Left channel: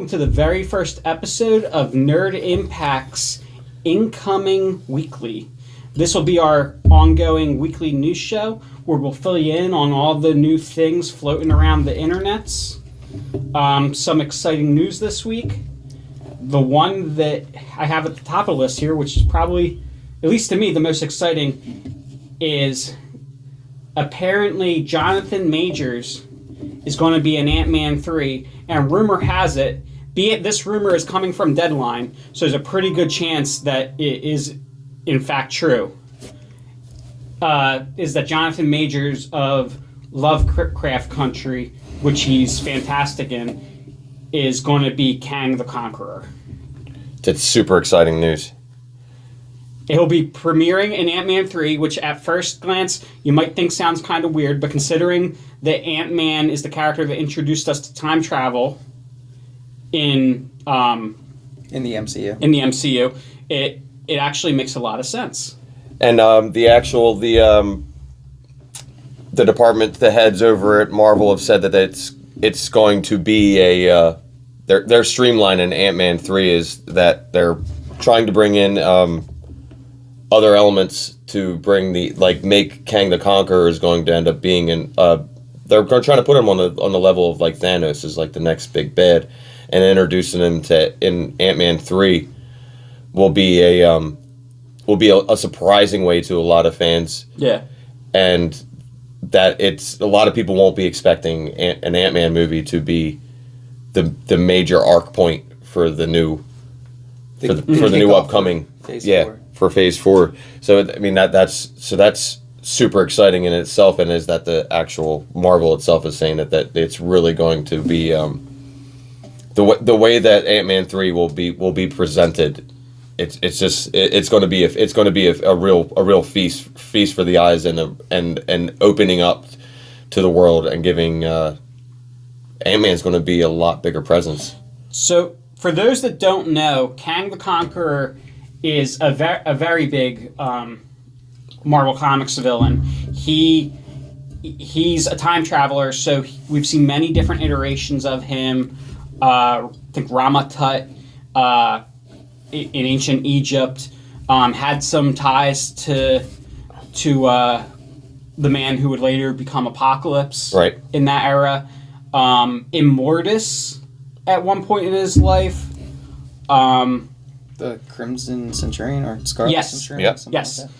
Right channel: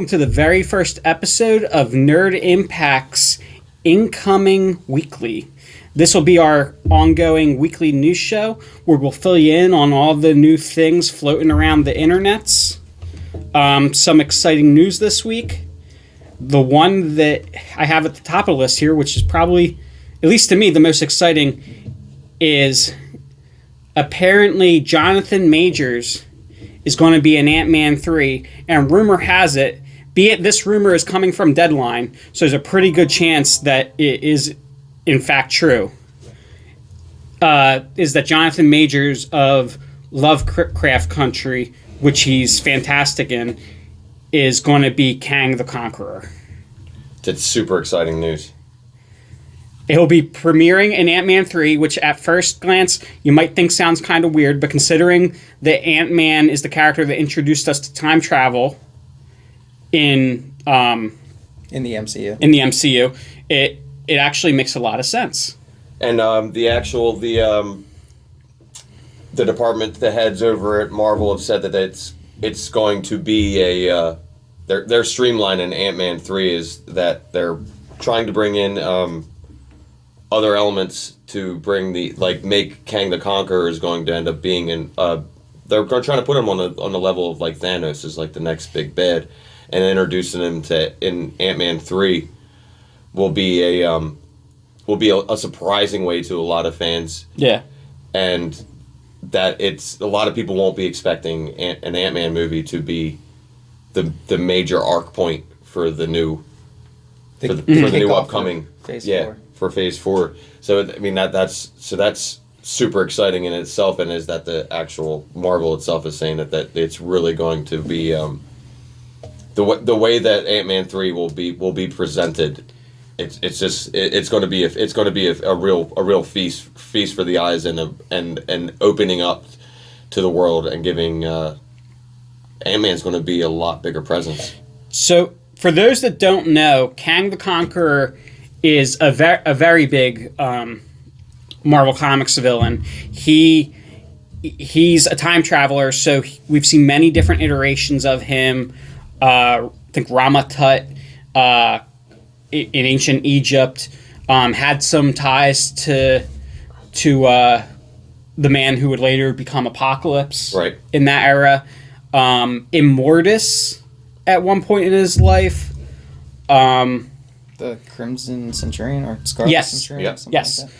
welcome to the very first episode of Nerd Impact's Incoming Weekly. This will be our ongoing weekly news show where we'll fill you in on all the new things floating around the internets. Some exciting news this week. The one that I have at the top of the list here, which is probably, at least to me, the most exciting, is apparently Jonathan Majors is going to be in Ant-Man 3, and rumor has it, be it this rumor is coming from Deadline, so there's a pretty good chance that it is in fact true, is that Jonathan Majors of Lovecraft Country, which he's fantastic in, is going to be Kang the Conqueror. It's super exciting news. It'll be premiering in Ant-Man 3, which at first glance you might think sounds kind of weird, but considering that Ant-Man is the character that introduced us to time travel in the MCU, it actually makes a lot of sense. And the department, the heads over at Marvel have said that it's going to be a their streamline in Ant-Man 3 is that they're trying to bring in other elements to bring make Kang the Conqueror is going to end up being in. They're trying to put him on the level of like Thanos as like the next big bad, and introducing him to in Ant-Man 3 will be a surprising way to a lot of fans. Yeah, and that it's a lot of people won't be expecting an Ant-Man movie to be the major arc point for the new upcoming Phase 4. For Phase 4. So I mean that's super exciting in itself, and is that the actual Marvel itself is saying that it's really going to be the way that Ant-Man 3 will be presented. It's going to be a real feast for the eyes and opening up to the world and giving Ant-Man's going to be a lot bigger presence. So for those that don't know, Kang the Conqueror is a very big Marvel Comics villain. He's a time traveler, so we've seen many different iterations of him. I think Rama Tut in ancient Egypt had some ties to the man who would later become Apocalypse. Right. In that era. Immortus at one point in his life. The Crimson Centurion or Scarlet Centurion? Yep. Something Yes. like that.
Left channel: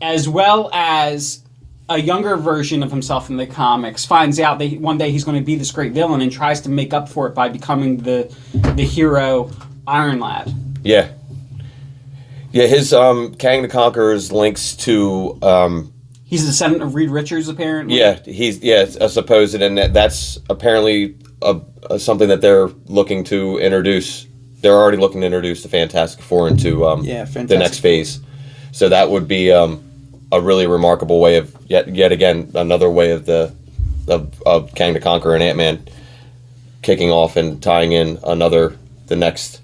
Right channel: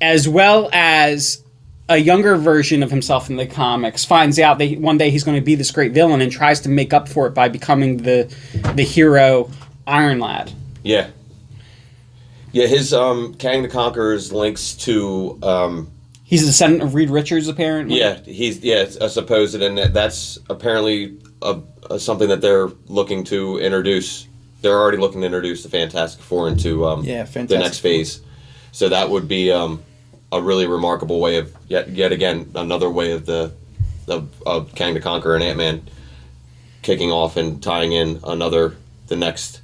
As well as a younger version of himself in the comics finds out that one day he's going to be this great villain and tries to make up for it by becoming the hero Iron Lad. Yeah. Yeah, his Kang the Conqueror's links to He's a descendant of Reed Richards, apparently. Yeah, it's supposed, and that's apparently something that they're looking to introduce. They're already looking to introduce the Fantastic Four into the next phase. So that would be a really remarkable way of yet again another way of of Kang the Conqueror and Ant-Man kicking off and tying in the next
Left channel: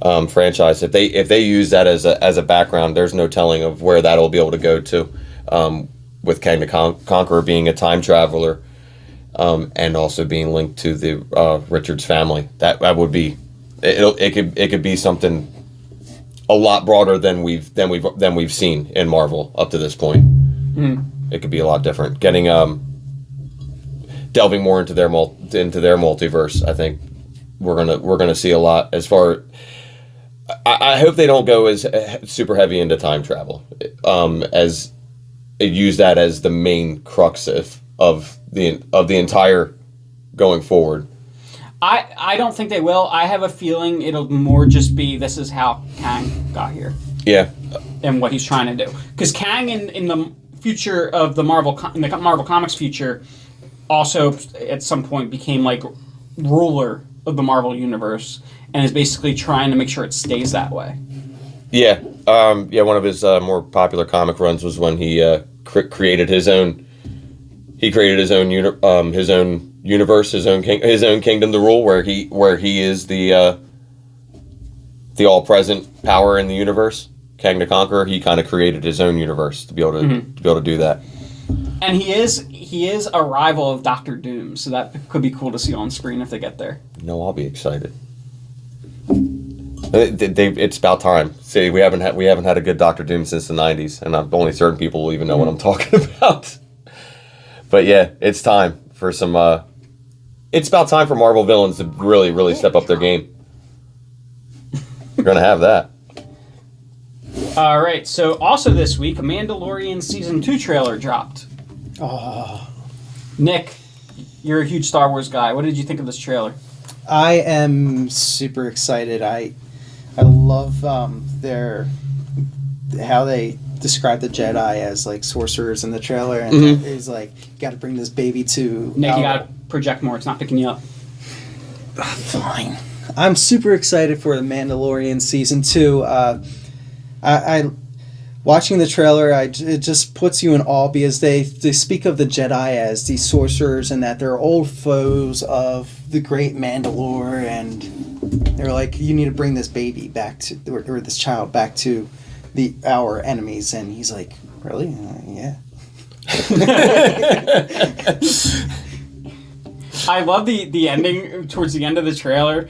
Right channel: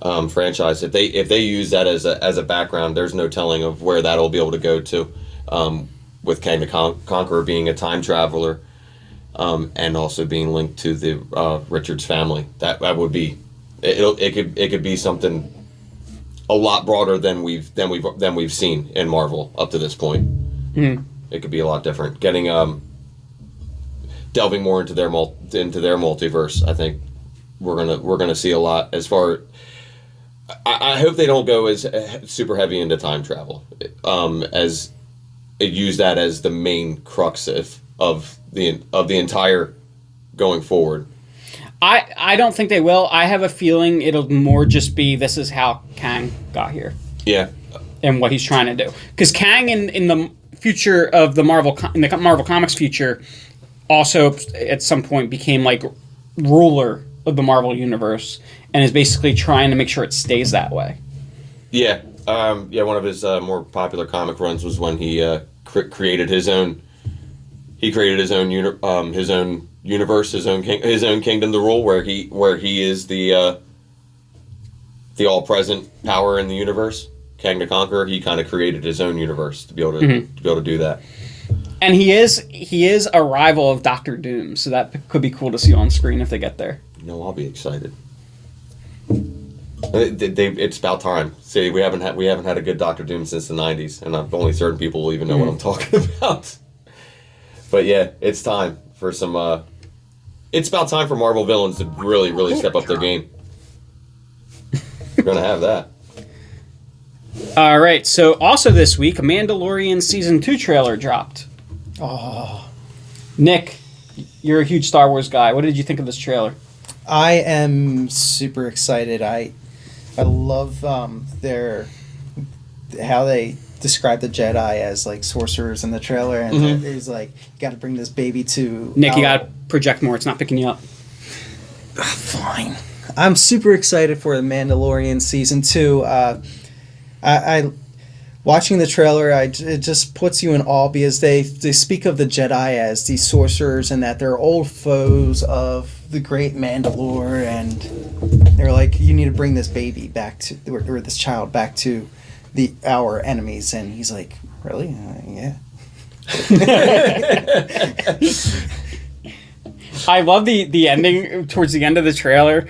franchise. If they use that as a background, there's no telling of where that'll be able to go to. With Kang the Conqueror being a time traveler, and also being linked to the Richards family, that would be it could be something a lot broader than we've seen in Marvel up to this point. Mm-hmm. It could be a lot different. Getting delving more into their multiverse, I think we're gonna see a lot. As far, I hope they don't go as super heavy into time travel, as use that as the main crux of the entire going forward. I don't think they will. I have a feeling it'll more just be this is how Kang got here. Yeah. And what he's trying to do. Because Kang in the future of the Marvel Comics future also at some point became like ruler of the Marvel universe and is basically trying to make sure it stays that way. Yeah. One of his more popular comic runs was when he created his own. He created his own universe, his own kingdom to rule, where he is the all-present power in the universe. Kang the Conqueror. He kind of created his own universe to be able to do that. And he is a rival of Doctor Doom, so that could be cool to see on screen if they get there. No, I'll be excited. It's about time. See, we haven't had a good Doctor Doom since the '90s, and only certain people will even know what I'm talking about. But yeah, it's time for some. It's about time for Marvel villains to really, really step up their game. We're gonna have that. All right. So also this week, a Mandalorian season 2 trailer dropped. Oh, Nick, you're a huge Star Wars guy. What did you think of this trailer? I am super excited. I love how they describe the Jedi as like sorcerers in the trailer, and it's like, you got to bring this baby to Nick. You got to project more. It's not picking you up. Fine. I'm super excited for the Mandalorian season 2. I watching the trailer, it just puts you in awe because they speak of the Jedi as these sorcerers and that they're old foes of the great Mandalore, and they're like, you need to bring this baby back to, or this child back to our enemies. And he's like, really? Yeah. I love the ending towards the end of the trailer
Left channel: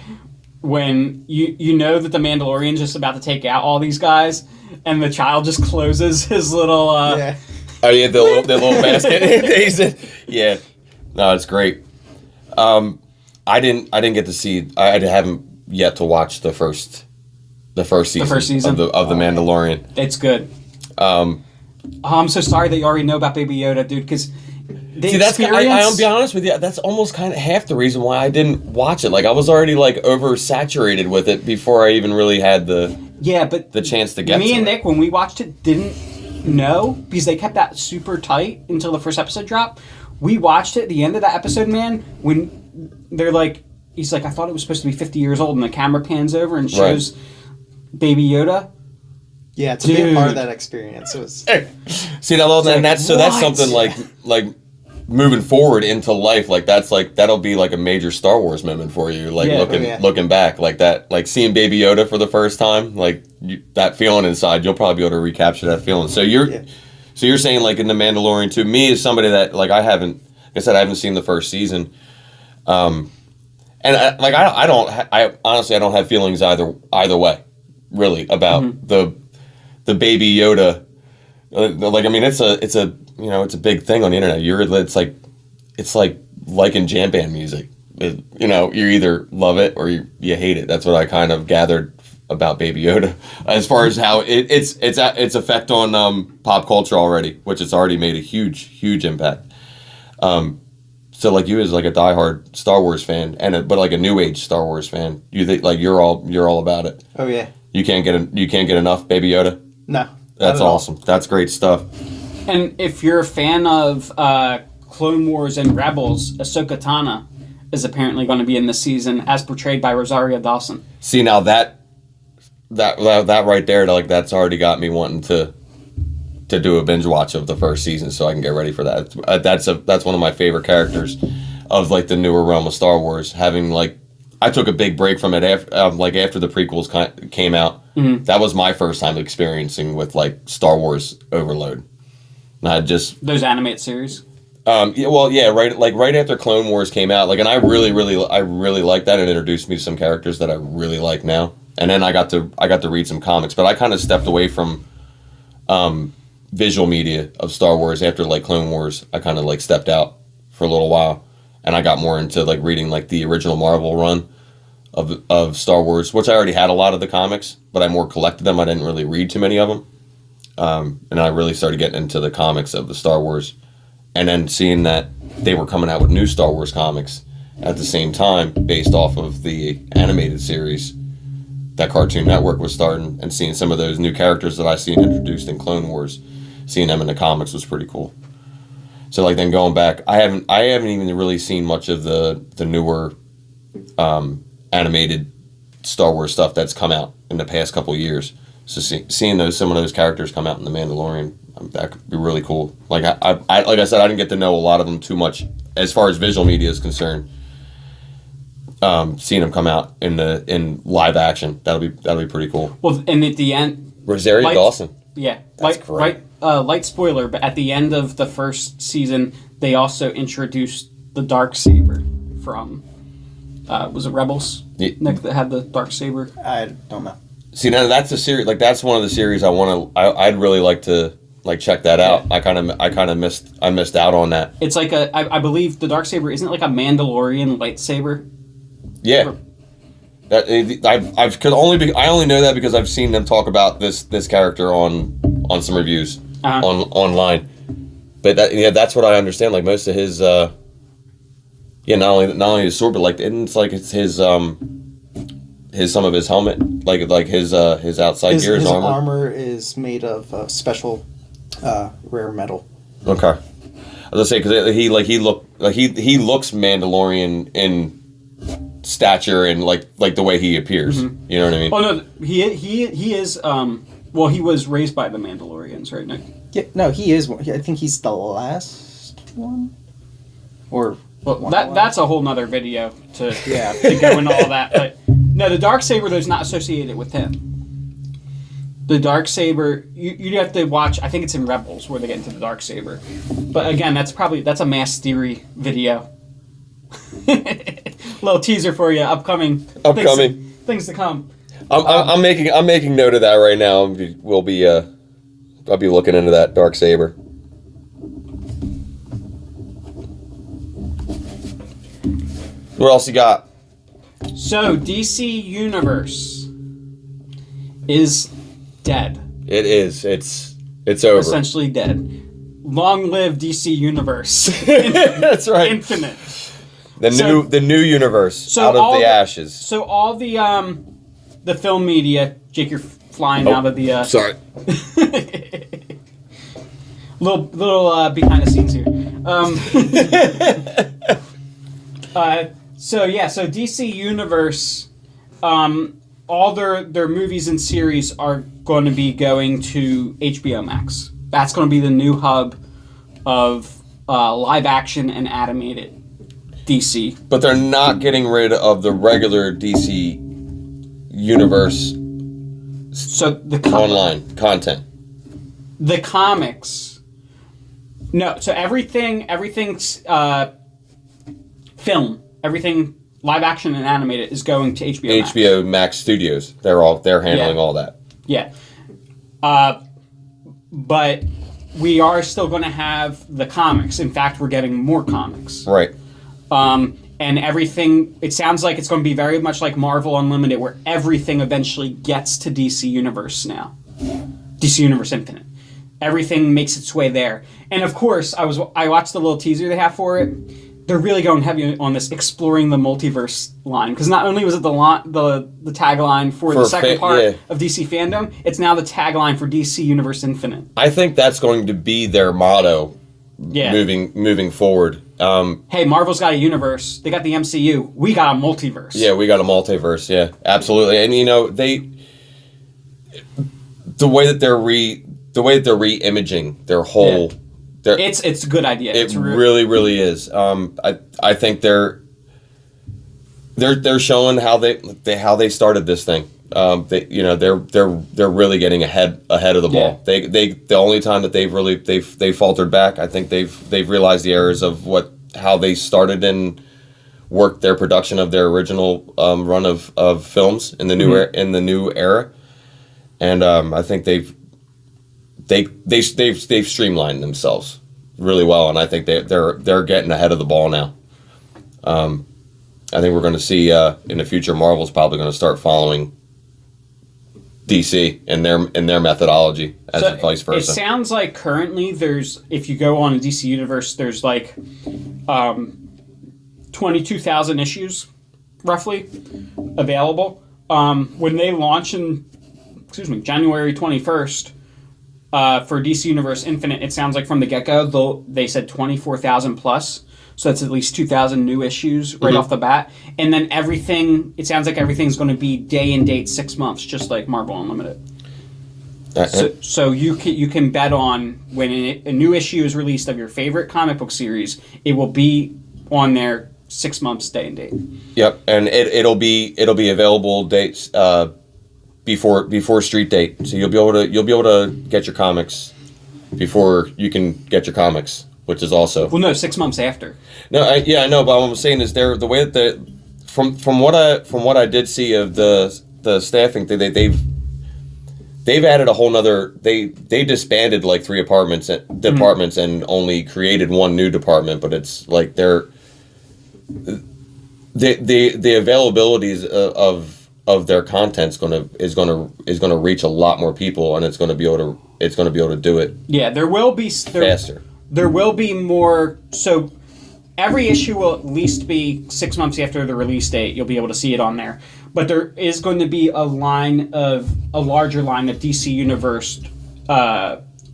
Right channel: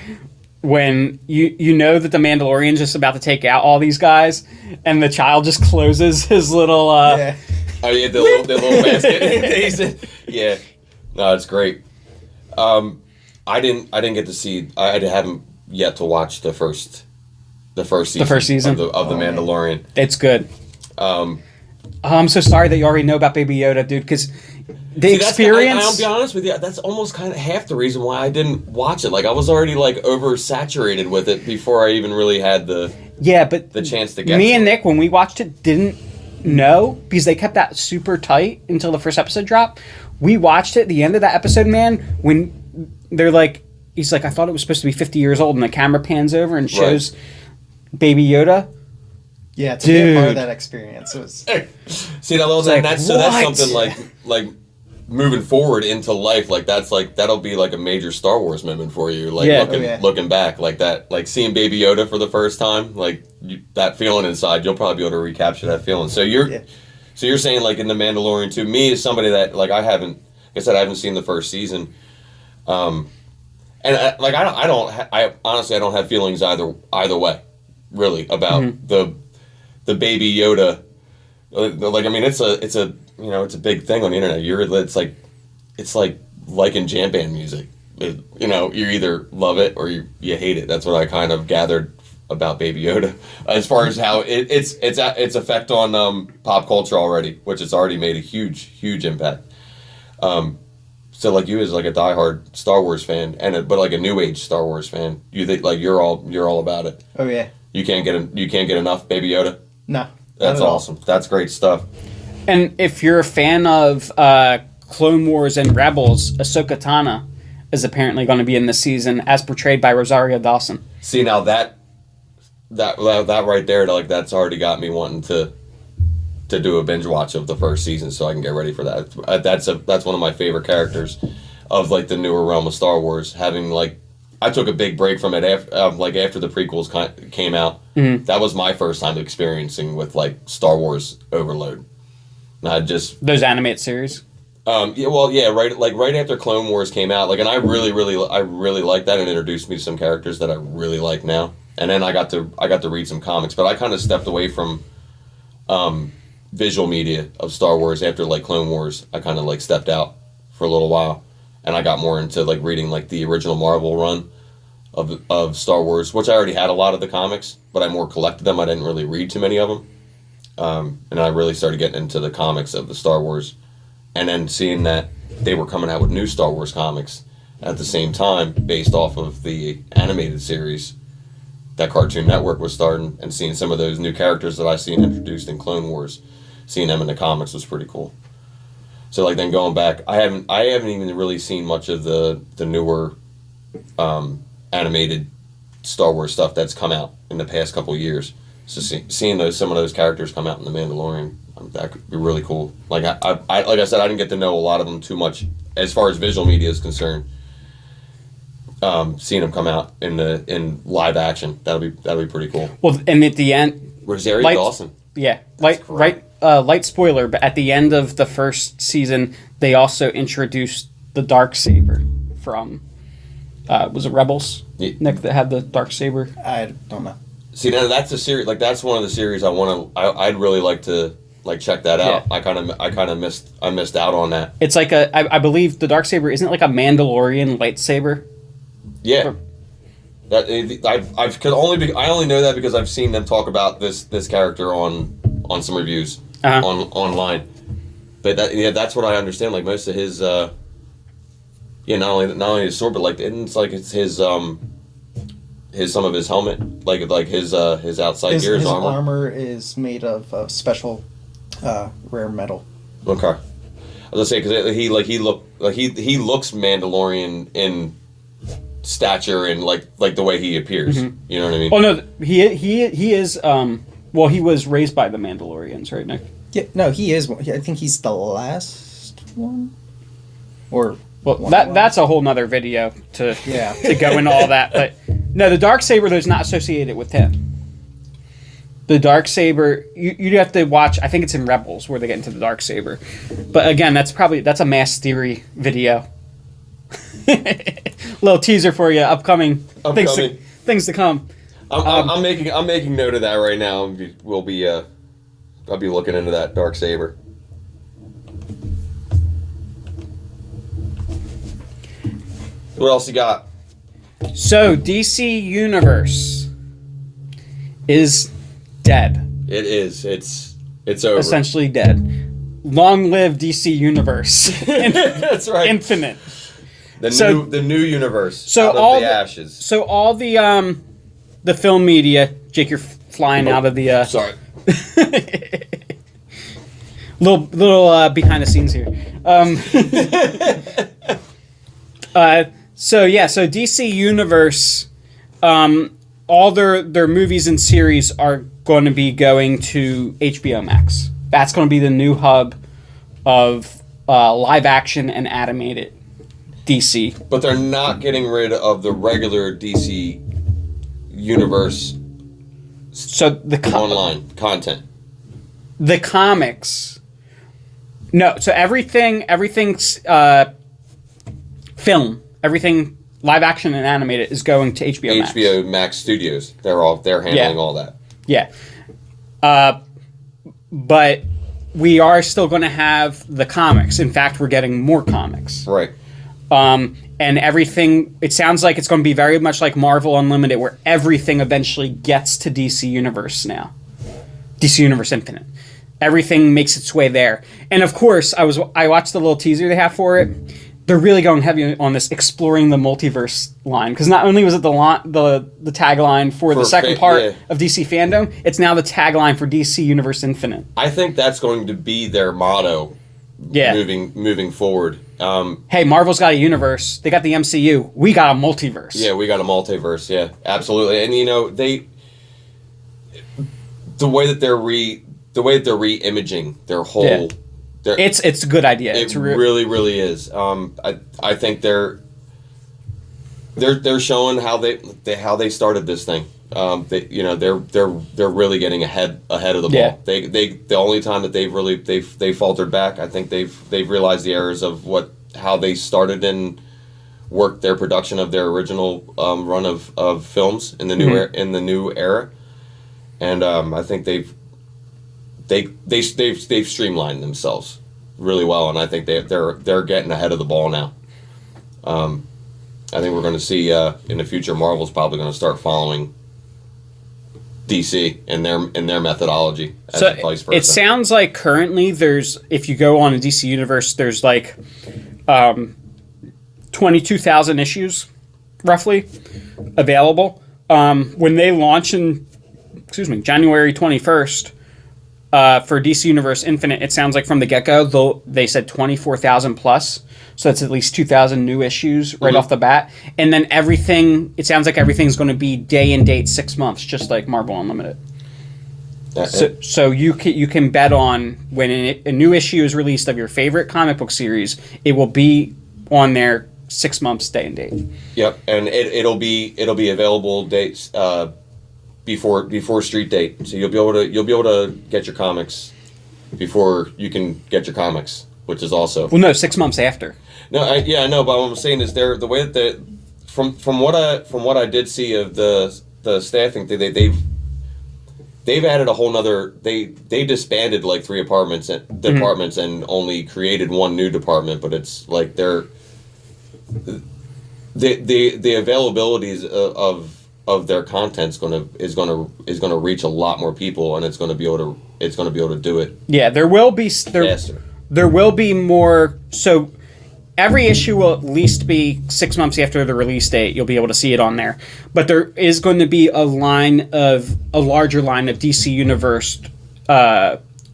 when you know that the Mandalorian's just about to take out all these guys, and the child just closes his little Oh yeah, the little basket. Yeah, no, it's great. I didn't get to see. I haven't yet to watch the first season of the Mandalorian. It's good. I'm so sorry that you already know about Baby Yoda, dude, because experience. I'll be honest with you. That's almost kind of half the reason why I didn't watch it. Like, I was already like oversaturated with it before I even really had the chance to get. Me and it. Nick, when we watched it, didn't know because they kept that super tight until the first episode dropped. We watched it. The end of that episode, man, when they're like, he's like, I thought it was supposed to be 50 years old, and the camera pans over and shows Baby Yoda. Yeah, to be a part of that experience, it was. See, that's something like moving forward into life, like that'll be like a major Star Wars moment for you, like looking back, like that, like seeing Baby Yoda for the first time, like that feeling inside, you'll probably be able to recapture that feeling. So you're saying like in the Mandalorian, to me, as somebody that like I haven't seen the first season, and I honestly don't have feelings either way, really, about the Baby Yoda. Like, I mean, it's a it's a big thing on the internet. It's like liking jam band music. You either love it or you hate it. That's what I kind of gathered about Baby Yoda, as far as how its effect on pop culture already, which it's already made a huge impact. So like you as like a diehard Star Wars fan but like a new age Star Wars fan, you think like you're all about it. Oh yeah. You can't get enough Baby Yoda. No. That's awesome. That's great stuff. And if you're a fan of Clone Wars and Rebels, Ahsoka Tano is apparently going to be in this season, as portrayed by Rosario Dawson. See, now that right there, like that's already got me wanting to do a binge watch of the first season, so I can get ready for that. That's one of my favorite characters of like the newer realm of Star Wars. Having like, I took a big break from it after the prequels came out. Mm-hmm. That was my first time experiencing with like Star Wars overload. Not just those animated series. Right after Clone Wars came out, like, and I really liked that, and introduced me to some characters that I really like now. And then I got to read some comics, but I kind of stepped away from visual media of Star Wars after like Clone Wars. I kind of like stepped out for a little while, and I got more into like reading like the original Marvel run of Star Wars, which I already had a lot of the comics, but I more collected them. I didn't really read too many of them. And I really started getting into the comics of the Star Wars, and then seeing that they were coming out with new Star Wars comics at the same time based off of the animated series that Cartoon Network was starting, and seeing some of those new characters that I seen introduced in Clone Wars, seeing them in the comics was pretty cool. So like then going back, I haven't even really seen much of the newer animated Star Wars stuff that's come out in the past couple of years. So seeing some of those characters come out in The Mandalorian, that could be really cool. Like I like I said, I didn't get to know a lot of them too much as far as visual media is concerned. Seeing them come out in live action, that'll be pretty cool. Well, and at the end, Rosario Dawson. Yeah, right light spoiler, but at the end of the first season, they also introduced the Darksaber from, was it Rebels? Yeah. Nick, that had the Darksaber? I don't know. See, now that's a series. Like that's one of the series I'd really like to check that out. Yeah. I missed out on that. It's like I believe the Darksaber isn't it like a Mandalorian lightsaber? Yeah. I only know that because I've seen them talk about this character on some reviews online. But that's what I understand. Like most of his, not only his sword, but like it's his some of his helmet, like his outside gear, his armor is made of special rare metal. Okay, I was gonna say because he looks Mandalorian in stature and like the way he appears. Mm-hmm. You know what I mean? Oh no, he is. Well, he was raised by the Mandalorians, right, Nick? Yeah, no, he is. I think he's the last one. Or that's a whole nother video to go into all that. But no, the Darksaber is not associated with him. The Darksaber, you have to watch. I think it's in Rebels where they get into the Darksaber. But again, that's a mass theory video. Little teaser for you. Upcoming. Things to come. I'm making note of that right now. I'll be looking into that Darksaber. What else you got? So DC Universe is dead. It is. It's over. Essentially dead. Long live DC Universe. That's right. Infinite. The new universe out of the ashes. So all the film media, Jake, you're flying out of the. Sorry. little behind the scenes here. So DC Universe, all their movies and series are going to be going to HBO Max. That's going to be the new hub of live action and animated DC. But they're not getting rid of the regular DC Universe. So the online content. The comics. No, so everything's film, everything live action and animated is going to HBO Max. HBO Max Studios. They're handling all that. Yeah. But we are still going to have the comics. In fact, we're getting more comics. Right. And everything, it sounds like it's going to be very much like Marvel Unlimited, where everything eventually gets to DC Universe now. DC Universe Infinite. Everything makes its way there. And of course, I watched the little teaser they have for it. They're really going heavy on this exploring the multiverse line. Because not only was it the tagline for the second part of DC Fandom, it's now the tagline for DC Universe Infinite. I think that's going to be their motto moving forward. Hey, Marvel's got a universe. They got the MCU. We got a multiverse. Yeah, we got a multiverse. Yeah, absolutely. And the way that they're re-imaging their whole. Yeah. It's a good idea. It really, really is. I think they're showing how they started this thing. They're really getting ahead of the ball. Yeah. The only time that they've faltered back, I think they've realized the errors of how they started and worked their production of their original run of films in the new era, and I think they've streamlined themselves really well, and I think they're getting ahead of the ball now. I think we're going to see in the future Marvel's probably going to start following DC in their methodology as vice versa. It sounds like currently if you go on a DC Universe, there's like 22,000 issues roughly available. When they launch in January 21st for DC Universe Infinite, it sounds like from the get-go they said 24,000 plus. So that's at least 2,000 new issues right off the bat. And then it sounds like everything's going to be day and date 6 months, just like Marvel Unlimited. So you can bet on when a new issue is released of your favorite comic book series, it will be on there 6 months day and date. Yep, and it'll be available dates before street date. So you'll be able to get your comics before you can get your comics, which is also well, no, 6 months after. No, I know, but what I'm saying is the way that from what I did see of the staffing thing, they've added a whole nother. They disbanded like 3 departments and only created 1 new department, but it's like the availabilities of their content is gonna reach a lot more people, and it's gonna be able to do it. Yeah, there will be faster. There will be more. So every issue will at least be 6 months after the release date. You'll be able to see it on there. But there is going to be a larger line of DC Universe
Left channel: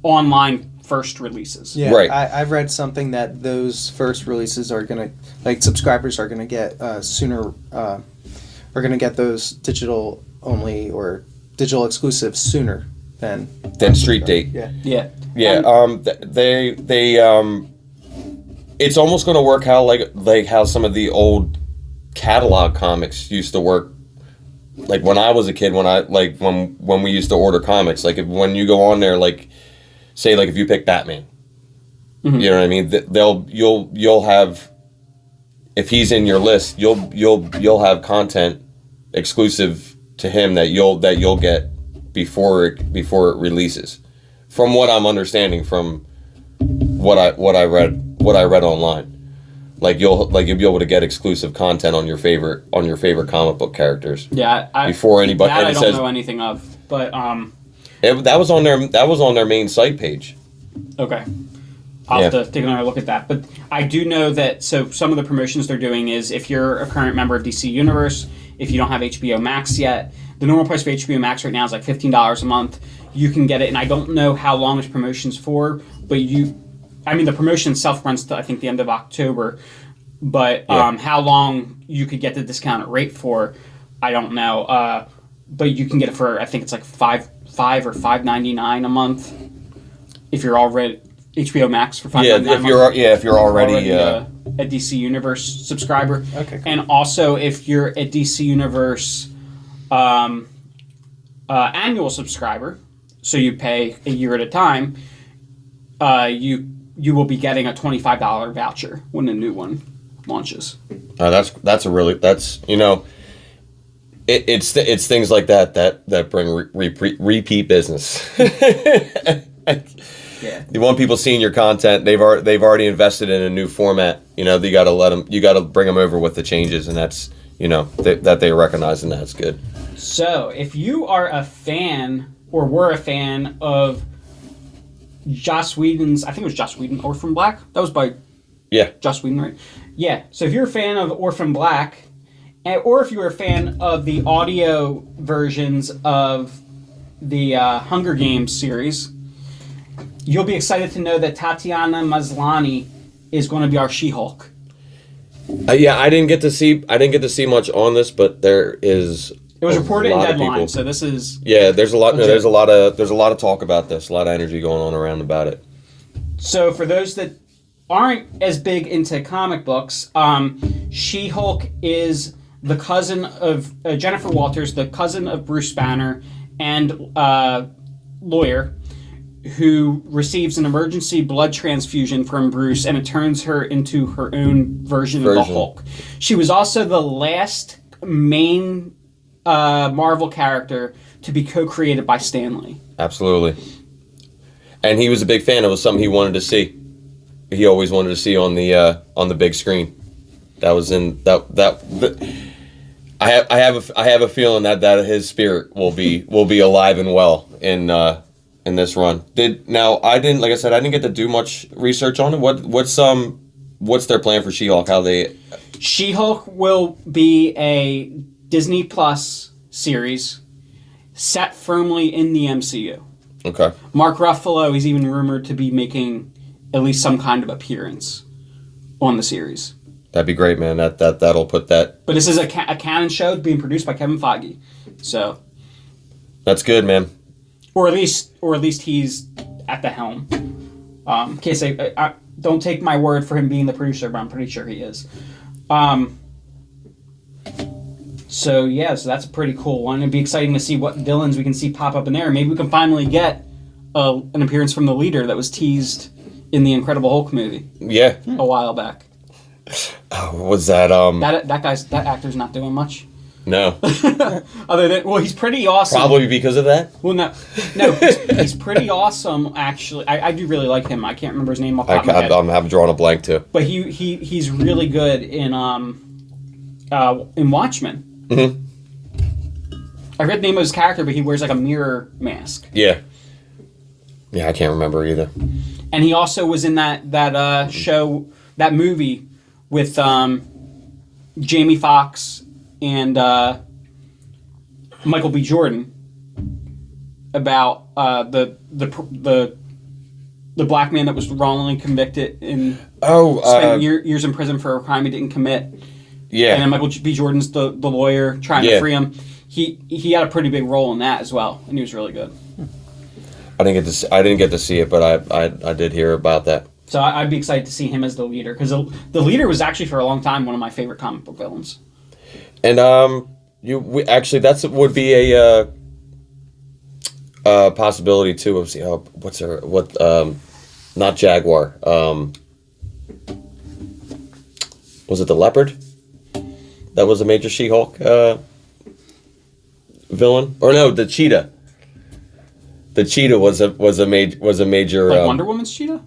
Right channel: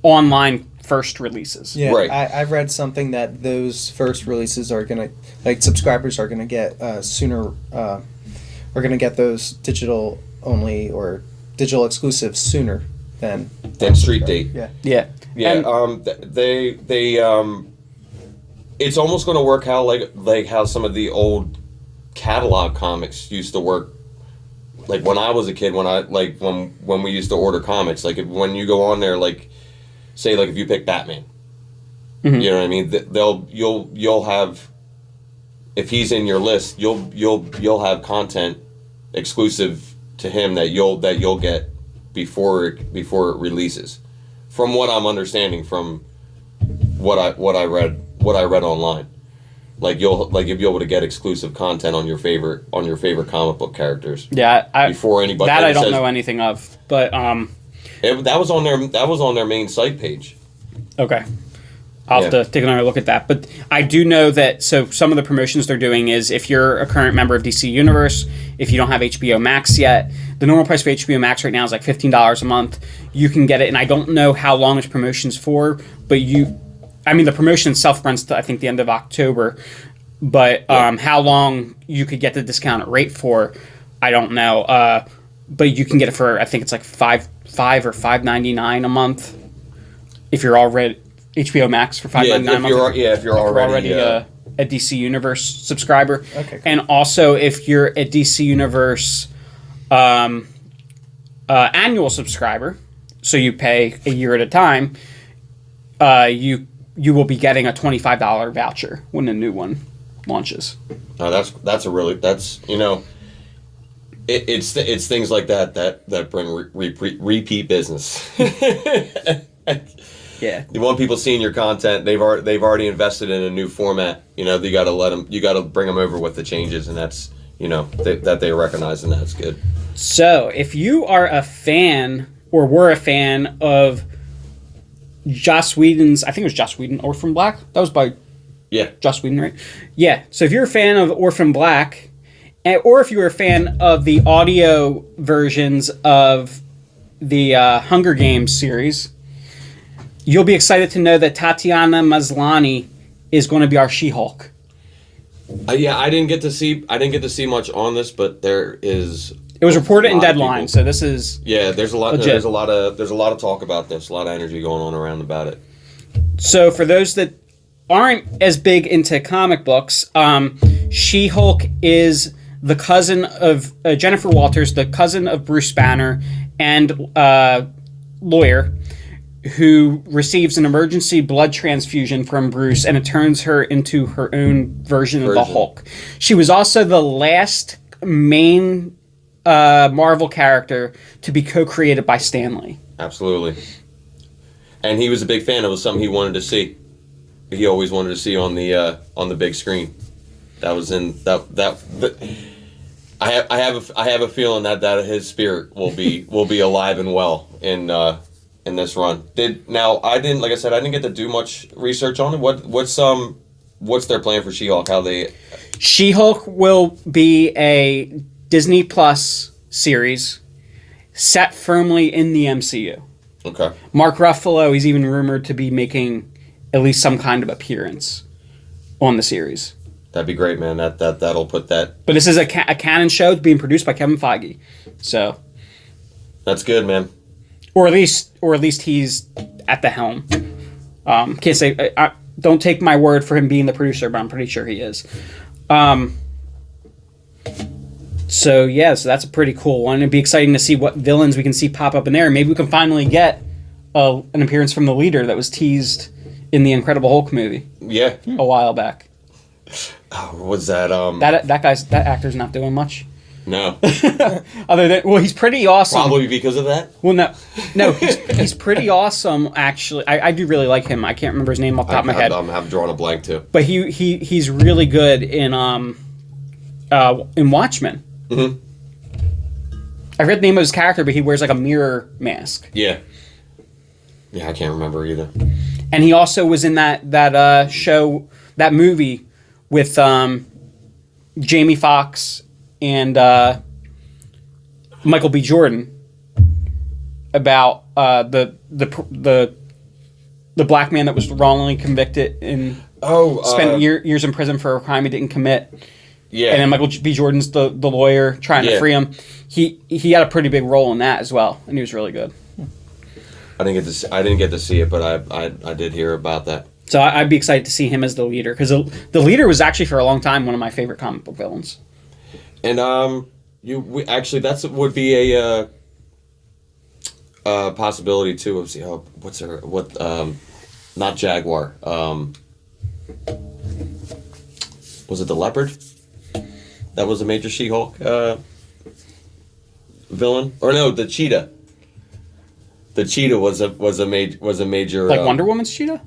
online first releases. Yeah, right. I've read something that those first releases are gonna, like, subscribers are gonna get sooner. Are gonna get those digital only or digital exclusives sooner than Street Date. Yeah. Yeah. Yeah, And they it's almost going to work how like how some of the old catalog comics used to work. Like when I was a kid, when we used to order comics, like when you go on there, like say like if you pick Batman, you know what I mean? You'll have, if he's in your list, you'll have content exclusive to him that you'll get before it releases. From what I'm understanding, from what I read online, like you'll be able to get exclusive content on your favorite comic book characters. Yeah, before anybody that I don't know anything of, but that was on their main site page. Okay, I'll have to take another look at that. But I do know that some of the promotions they're doing is if you're a current member of DC Universe, if you don't have HBO Max yet, the normal price for HBO Max right now is like $15 a month. You can get it, and I don't know how long this promotion's for, but the promotion itself runs to, I think, the end of October, but how long you could get the discounted rate for, I don't know. But you can get it for, I think it's like $5 or $5.99 a month if you're already HBO Max for $5.99 if you're already a DC Universe subscriber. Okay, cool. And also if you're a DC Universe annual subscriber, so you pay a year at a time, you will be getting a $25 voucher when a new one launches. It's things like that bring repeat business. Yeah. You want people seeing your content. They've already invested in a new format. You got to bring them over with the changes, and that's that they recognize, and that's good. So if you are a fan or were a fan of Joss Whedon's, I think it was Joss Whedon, Orphan Black. That was by Joss Whedon, right? Yeah. So if you're a fan of Orphan Black, or if you were a fan of the audio versions of the Hunger Games series, you'll be excited to know that Tatiana Maslany is going to be our She-Hulk. I didn't get to see much on this, but there is. It was reported in Deadline, so this is there's a lot. legit. There's a lot of talk about this. A lot of energy going on around about it. So for those that aren't as big into comic books, She-Hulk is the cousin of Jennifer Walters, the cousin of Bruce Banner, and lawyer, who receives an emergency blood transfusion from Bruce, and it turns her into her own version of the Hulk. She was also the last main Marvel character to be co-created by Stan Lee. Absolutely. And he was a big fan. It was something he wanted to see. He always wanted to see on the big screen. That was in I have a feeling that his spirit will be alive and well in this run. I didn't get to do much research on it. What's their plan for She-Hulk? She-Hulk will be a Disney Plus series set firmly in the MCU. Okay. Mark Ruffalo is even rumored to be making at least some kind of appearance on the series. That'd be great, man. That'll put that. But this is a canon show being produced by Kevin Feige, so that's good, man. Or at least he's at the helm. Can't say. Don't take my word for him being the producer, but I'm pretty sure he is. So that's a pretty cool one. It'd be exciting to see what villains we can see pop up in there. Maybe we can finally get an appearance from the leader that was teased in the Incredible Hulk movie. Yeah. A while back. Oh, was that that actor's not doing much. No. Other than, well, he's pretty awesome. Probably because of that? Well, no, he's pretty awesome, actually. I do really like him. I can't remember his name off the top of my head. I'm drawing a blank, too. But he's really good in Watchmen. Mm-hmm. I forget the name of his character, but he wears like a mirror mask. Yeah. Yeah, I can't remember either. And he also was in that show, that movie with Jamie Foxx and Michael B. Jordan about the black man that was wrongly convicted and spent years in prison for a crime he didn't commit. Yeah. And then Michael B. Jordan's the lawyer trying to free him. He had a pretty big role in that as well, and he was really good. I didn't get to see it, but I did hear about that. So I'd be excited to see him as the leader, because the leader was actually for a long time one of my favorite comic book villains. And that would be a possibility too. Of not Jaguar. Was it the Leopard? That was a major She-Hulk villain, or no, the Cheetah. The Cheetah was a major like Wonder Woman's Cheetah.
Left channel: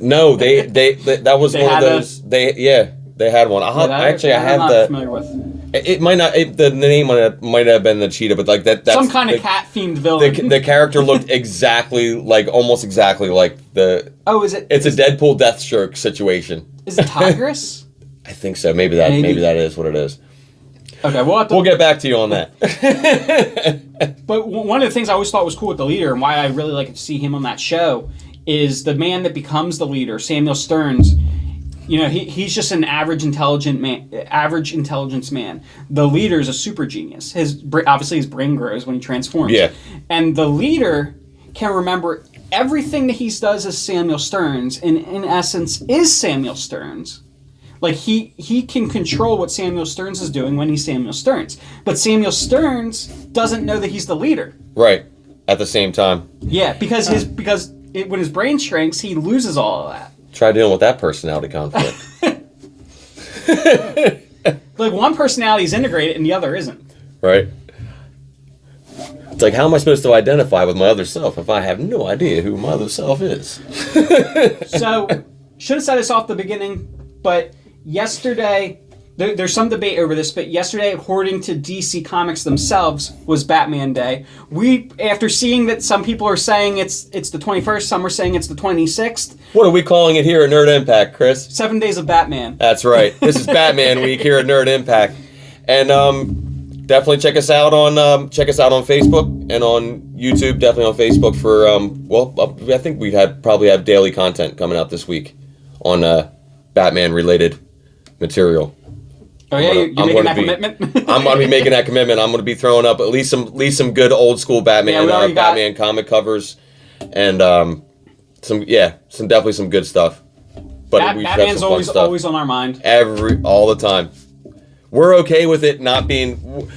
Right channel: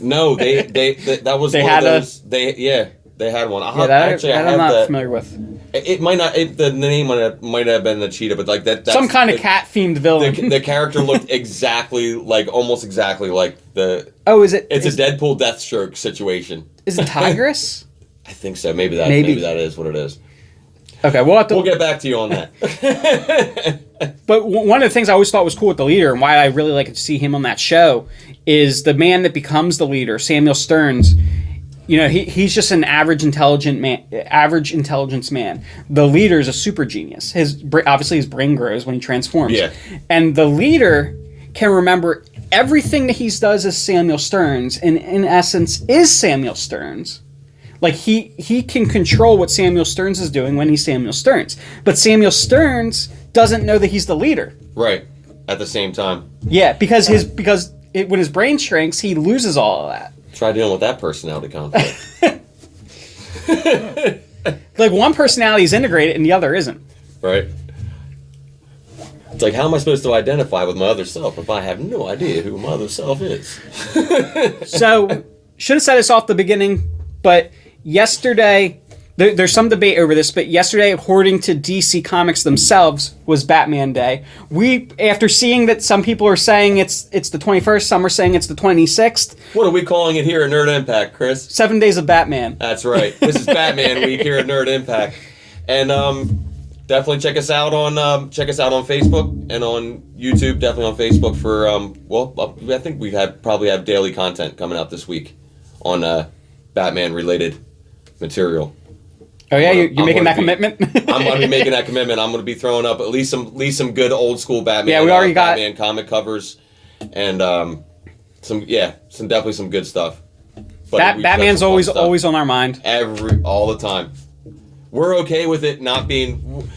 No, they that was they one had of those. They had one. I'm not familiar with. It might not. The name might have been the Cheetah, but like that's some kind of cat themed villain. The character looked almost exactly like the. Oh, is it? It's a Deadpool Deathstroke situation. Is it Tigress? I think so. Maybe that is what it is. Okay, we'll get back to you on that. But one of the things I always thought was cool with the leader, and why I really like to see him on that show, is the man that becomes the leader, Samuel Stearns. You know, he's just an average intelligence man. The leader is a super genius. Obviously his brain grows when he transforms. Yeah. And the leader can remember everything that he does as Samuel Stearns, and in essence is Samuel Stearns. Like, he can control what Samuel Stearns is doing when he's Samuel Stearns. But Samuel Stearns doesn't know that he's the leader. Right. At the same time. Yeah, because when his brain shrinks, he loses all of that. Try dealing with that personality conflict. Like, one personality is integrated and the other isn't. Right. It's like, how am I supposed to identify with my other self if I have no idea who my other self is? So, should have said this off the beginning, but yesterday, there's some debate over this, but yesterday, according to DC Comics themselves, was Batman Day. After seeing that some people are saying it's the 21st, some are saying it's the 26th. What are we calling it here at Nerd Impact, Chris? 7 Days of Batman. That's right. This is Batman Week here at Nerd Impact. And definitely check us out on Facebook and on YouTube. Definitely on Facebook for, I think we probably have daily content coming out this week on Batman-related material. Oh yeah, you're making that commitment? I'm going to be making that commitment. I'm going to be throwing up at least some good old school Batman. Yeah, we already got Batman comic covers, and some good stuff. But Batman's always on our mind. All the time. We're okay with it not being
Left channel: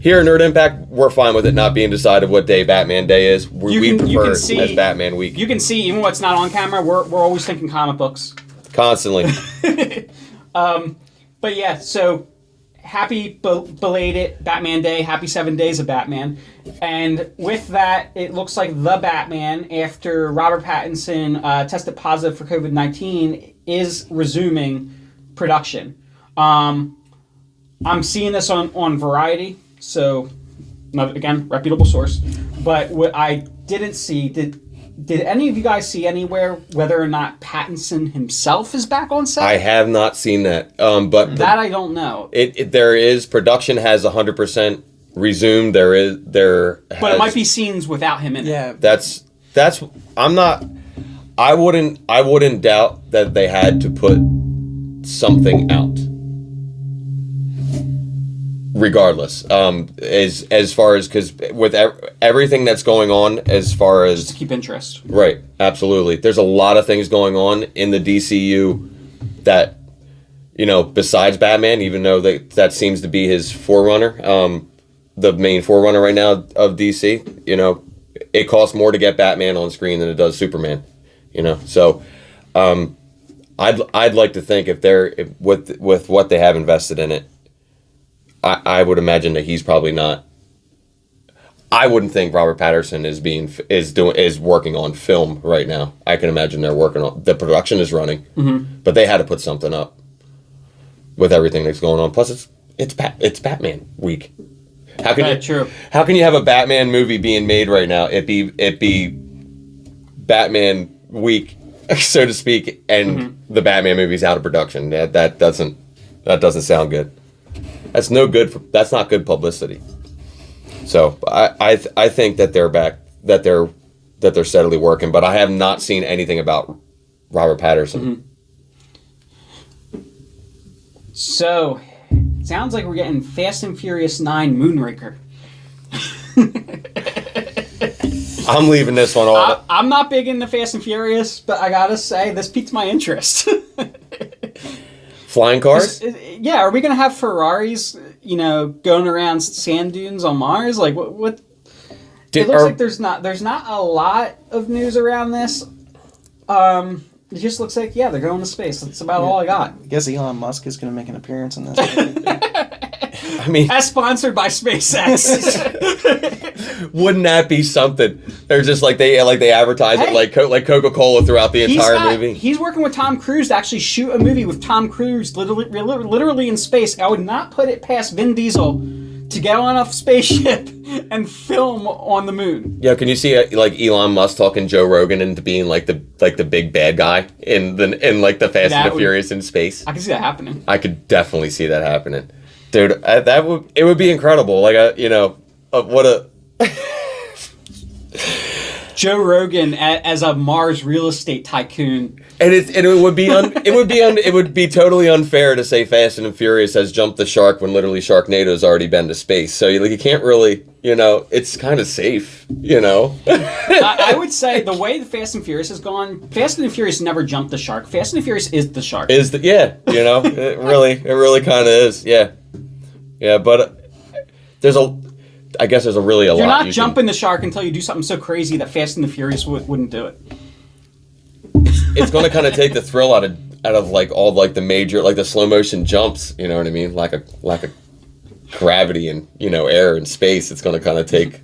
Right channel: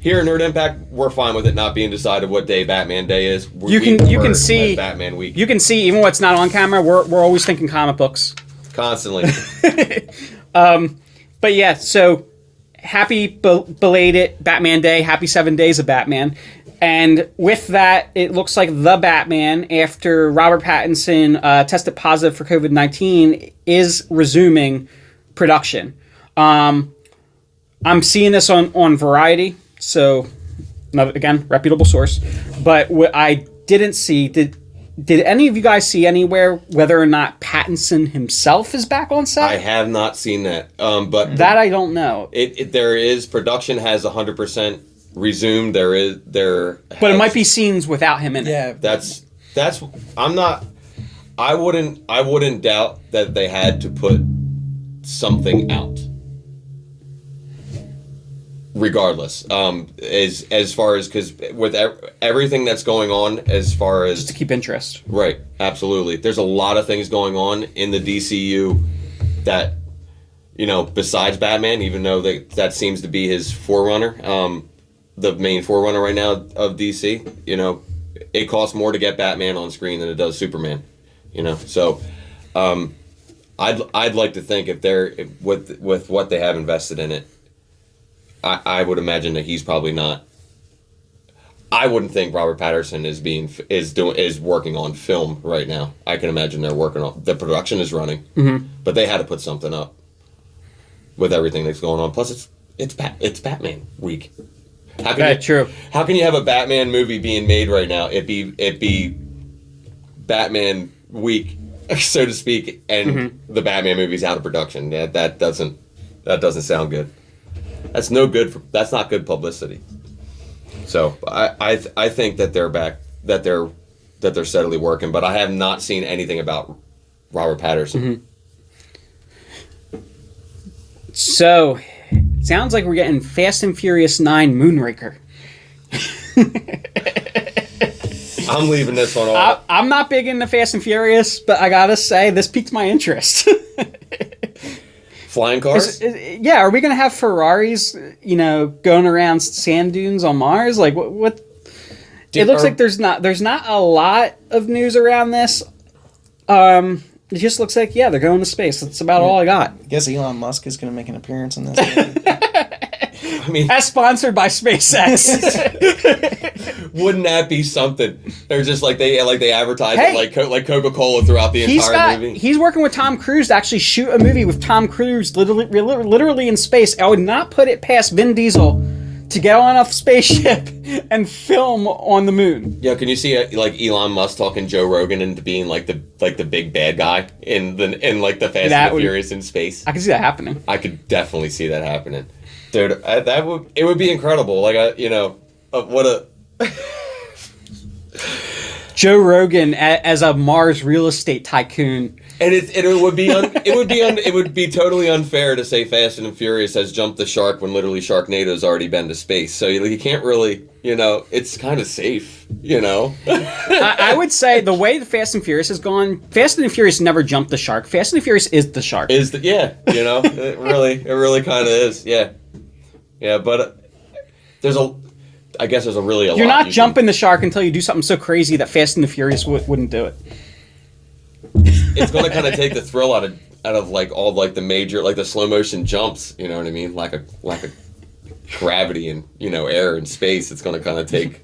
here in Nerd Impact. We're fine with it not being decided what day Batman Day is. You can see Batman Week. You can see even what's not on camera. We're always thinking comic books. Constantly. But yeah, so happy belated Batman Day. Happy 7 days of Batman. And with that, it looks like The Batman, after Robert Pattinson tested positive for COVID-19, is resuming production. I'm seeing this on Variety, so again, reputable source. But what I didn't see, did any of you guys see anywhere whether or not Pattinson himself is back on set? I have not seen that, but that I don't know. There is production has 100% resumed. But it might be scenes without him in it. Yeah, that's. I'm not. I wouldn't doubt that they had to put something out. Regardless, as far as, because with everything that's going on, as far as just to keep interest, right? Absolutely, there's a lot of things going on in the DCU that, besides Batman, even though that seems to be his forerunner, the main forerunner right now of DC. it costs more to get Batman on screen than it does Superman. So I'd like to think with what they have invested in it, I would imagine that he's probably not. I wouldn't think Robert Pattinson is working on film right now. I can imagine they're working on the production is running, but they had to put something up with everything that's going on. Plus, it's Batman week. True. How can you have a Batman movie being made right now? It be Batman week, so to speak, and the Batman movie's out of production. That doesn't sound good. That's no good that's not good publicity. So I think that they're back, that they're steadily working, but I have not seen anything about Robert Pattinson. So, sounds like we're getting Fast and Furious 9 Moonraker. I'm leaving this one off. I'm not big into Fast and Furious, but I gotta say, this piqued my interest. Flying cars? Yeah, are we gonna have Ferraris, going around sand dunes on Mars? Like, what? It looks like there's not a lot of news around this. It just looks like, they're going to space. That's about all I got. I guess Elon Musk is going to make an appearance in this movie. I mean, as sponsored by SpaceX. Wouldn't that be something? They're just like they advertise it like Coca-Cola throughout the entire movie. He's working with Tom Cruise to actually shoot a movie with Tom Cruise literally in space. I would not put it past Vin Diesel to get on a spaceship and film on the moon. Yeah, can you see Elon Musk talking Joe Rogan into being like the big bad guy in the Fast and the Furious in space? I can see that happening. I could definitely see that happening, dude. It would be incredible. What a Joe Rogan as a Mars real estate tycoon. And it would be totally unfair to say Fast and Furious has jumped the shark when literally Sharknado's already been to space. So you can't really, it's kind of safe, I would say the way the Fast and Furious has gone, Fast and Furious never jumped the shark. Fast and Furious is the shark. It really kind of is, yeah. Yeah, but I guess there's a lot. You're not jumping the shark until you do something so crazy that Fast and the Furious wouldn't do it. It's going to kind of take the thrill out of all the major the slow motion jumps. You know what I mean? Like a gravity and air and space. It's going to kind of take.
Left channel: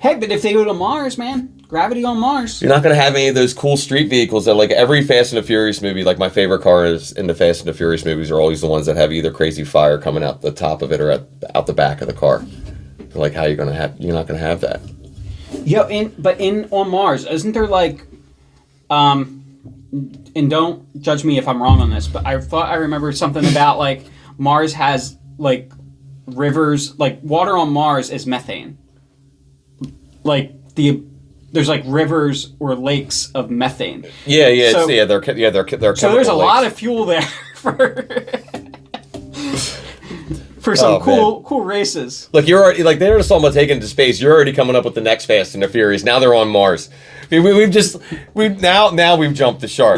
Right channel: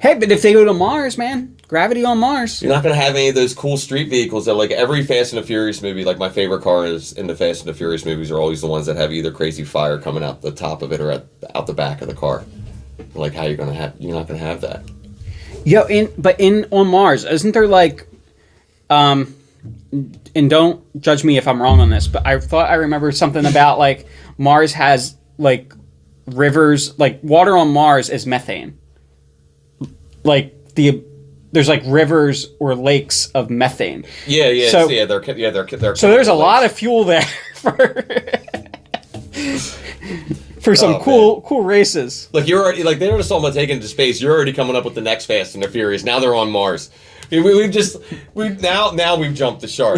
Hey, but if they go to Mars, man, gravity on Mars. You're not going to have any of those cool street vehicles that every Fast and the Furious movie. Like my favorite cars in the Fast and the Furious movies are always the ones that have either crazy fire coming out the top of it or out the back of the car. How you're not going to have that. On Mars, isn't there and don't judge me if I'm wrong on this, but I thought I remember something about Mars has rivers, water on Mars is methane. There's rivers or lakes of methane. Yeah. So, they're so there's a lot of fuel there for some cool races. Look, you're already they're just almost taken to space. You're already coming up with the next Fast and the Furious. Now they're on Mars. We've jumped the shark.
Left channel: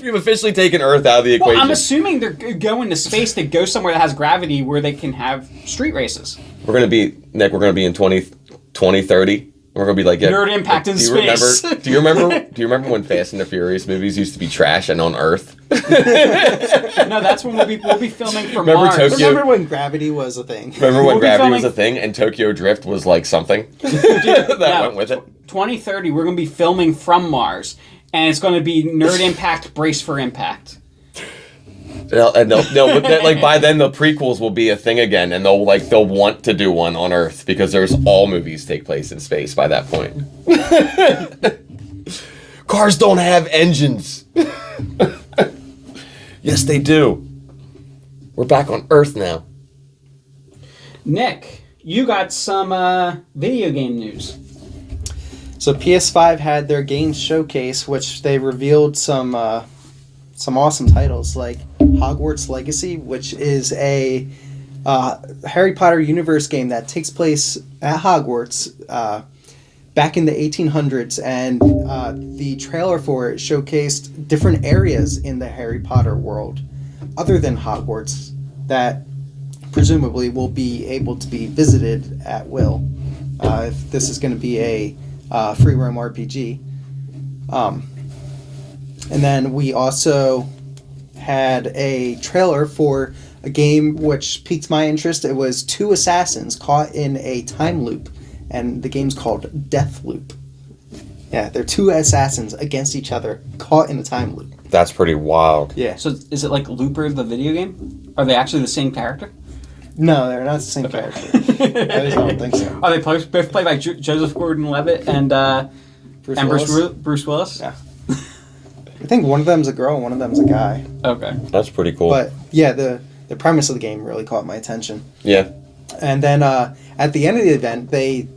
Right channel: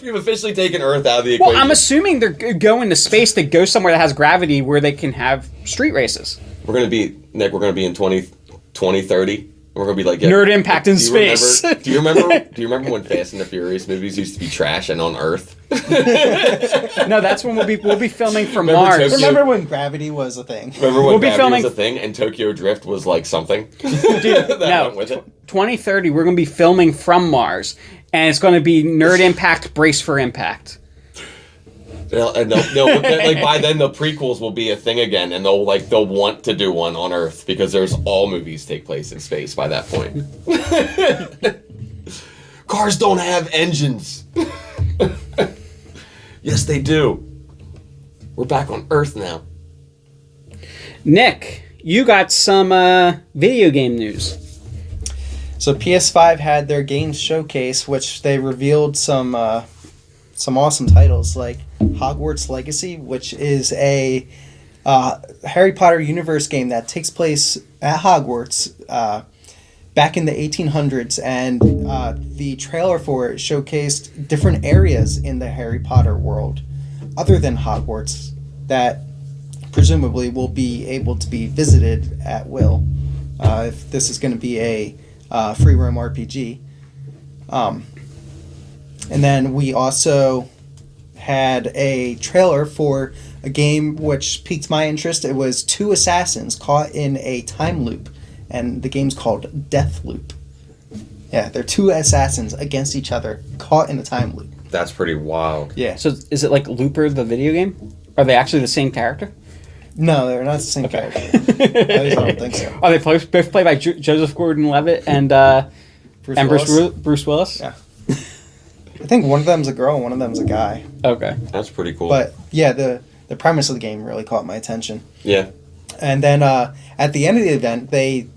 We've officially taken Earth out of the equation. Well, I'm assuming they're going to space to go somewhere that has gravity where they can have street races. We're gonna be in 2030. We're gonna be Nerd Impact in space. Do you remember when Fast and the Furious movies used to be trash and on Earth? No, that's when we'll be filming from Mars. Remember when gravity was a thing? Remember when gravity was a thing and Tokyo Drift was something? Went with it. 2030, we're going to be filming from Mars, and it's going to be Nerd Impact, Brace for Impact. No, by then the prequels will be a thing again, and they'll want to do one on Earth because all movies take place in space by that point. Cars don't have engines. Yes, they do. We're back on Earth now. Nick, you got some video game news. So PS5 had their games showcase, which they revealed some awesome titles like Hogwarts Legacy, which is a Harry Potter universe game that takes place at Hogwarts back in the 1800s, and the trailer for it showcased different areas in the Harry Potter world other than Hogwarts that presumably will be able to be visited at will. if this is going to be a free roam RPG. And then we also had a trailer for a game which piqued my interest. It was two assassins caught in a time loop, and the game's called Death Loop. Yeah, they're two assassins against each other, caught in a time loop. That's pretty wild. Yeah. So is it like Looper, the video game? Are they actually the same character? No, they're not the same character. At least I don't think so. Are they both played by Joseph Gordon-Levitt and Bruce Willis? Yeah. I think one of them's a girl and one of them's a guy. Okay. That's pretty cool. But yeah, the premise of the game really caught my attention. Yeah. And then at the end of the event, they...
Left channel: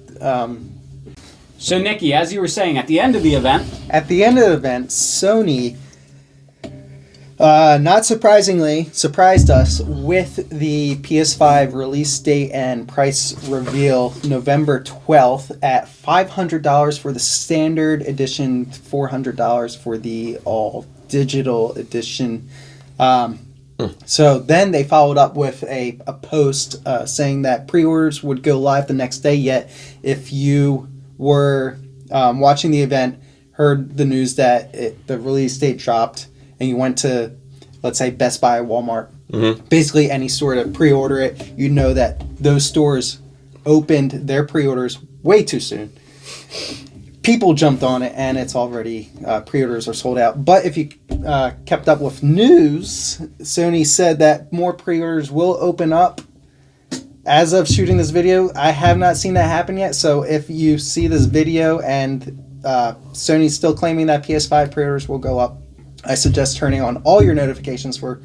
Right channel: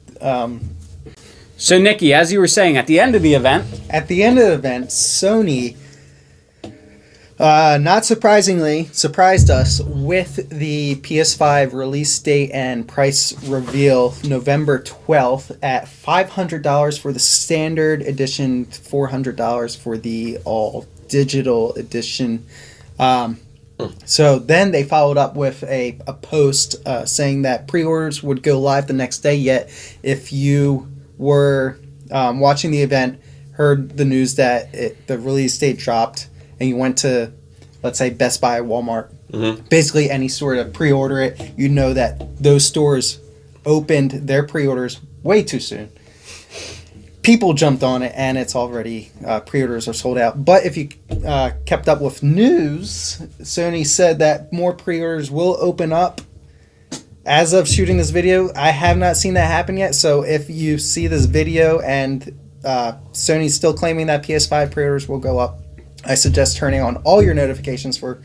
So, Nikki, as you were saying, at the end of the event... At the end of the event, Sony, not surprisingly, surprised us with the PS5 release date and price reveal November 12th at $500 for the standard edition, $400 for the all-digital edition. So then they followed up with a post saying that pre-orders would go live the next day, yet if you were watching the event, heard the news that the release date dropped, and you went to, let's say, Best Buy, Walmart, basically any store to pre-order it, you know that those stores opened their pre-orders way too soon. People jumped on it, and it's already, pre-orders are sold out. But if you kept up with news, Sony said that more pre-orders will open up. As of shooting this video, I have not seen that happen yet. So if you see this video and Sony's still claiming that PS5 pre-orders will go up, I suggest turning on all your notifications for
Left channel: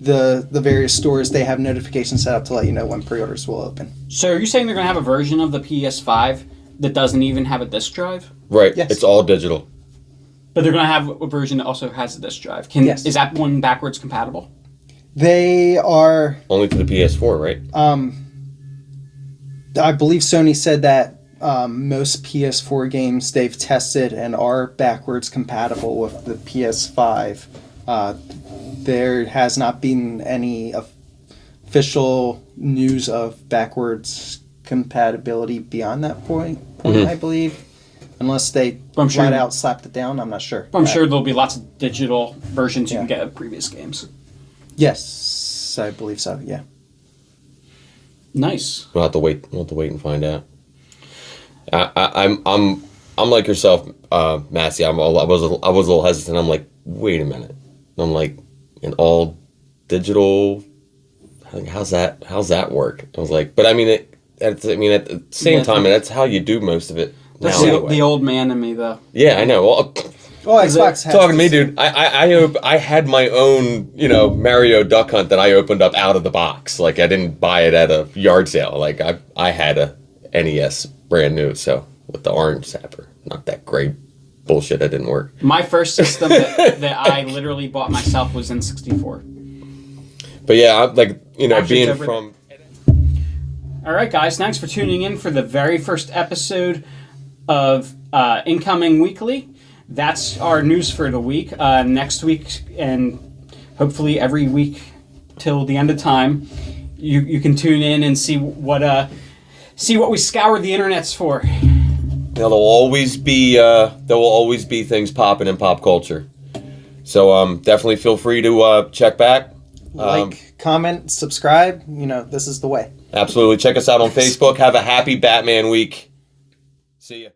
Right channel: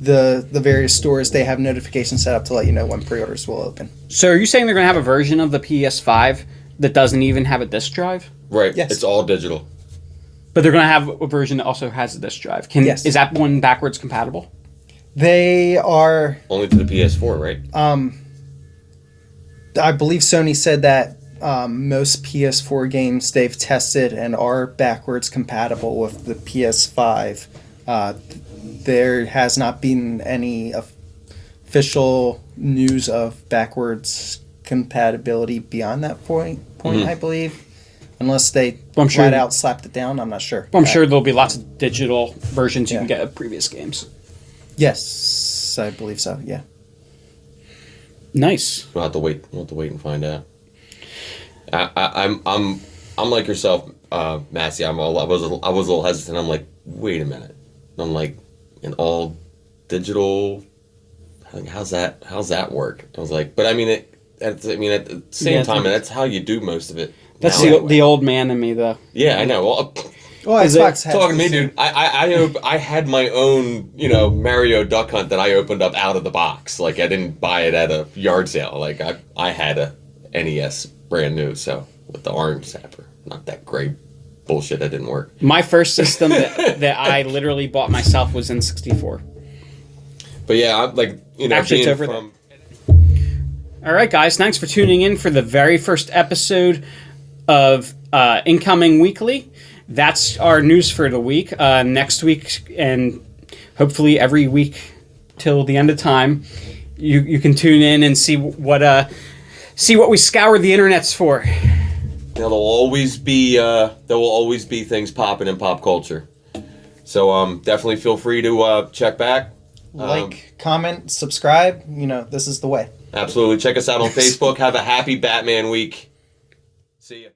the various stores. They have notifications set up to let you know when pre-orders will open. So are you saying they're going to have a version of the PS5 that doesn't even have a disc drive? Right. Yes. It's all digital. But they're going to have a version that also has a disc drive. Yes. Is that one backwards compatible? They are... Only to the PS4, right? I believe Sony said that most PS4 games they've tested and are backwards compatible with the PS5. There has not been any official news of backwards compatibility beyond that point I believe. Unless they flat out slapped it down, I'm not sure. I'm sure there'll be lots of digital versions you Yeah. can get of previous games. Yes, I believe so, yeah. Nice. We'll have to wait. We'll have to wait and find out. I'm like yourself, Massey. I was a little hesitant. I'm like, wait a minute. I'm like, an all digital. How's that work? I was like, but I mean, at the same time, that's how you do most of it. That's now, the old man in me, though. Yeah, I know. Well, Xbox has talking to me, same. dude. I had my own, Mario Duck Hunt that I opened up out of the box. Like I didn't buy it at a yard sale. Like I had a NES brand new, so with the orange zapper, not that great bullshit that didn't work. My first system that I literally bought myself was N64. But yeah, I'm like Actually, being it's over from. All right, guys. Thanks for tuning in for the very first episode of Incoming Weekly. That's our news for the week. Next week, and hopefully every week till the end of time, you can tune in and see what we scour the internets for. Now, there will always be things popping in pop culture. So definitely feel free to check back. Comment, subscribe. This is the way. Absolutely. Check us out on Facebook. Have a happy Batman week. See ya.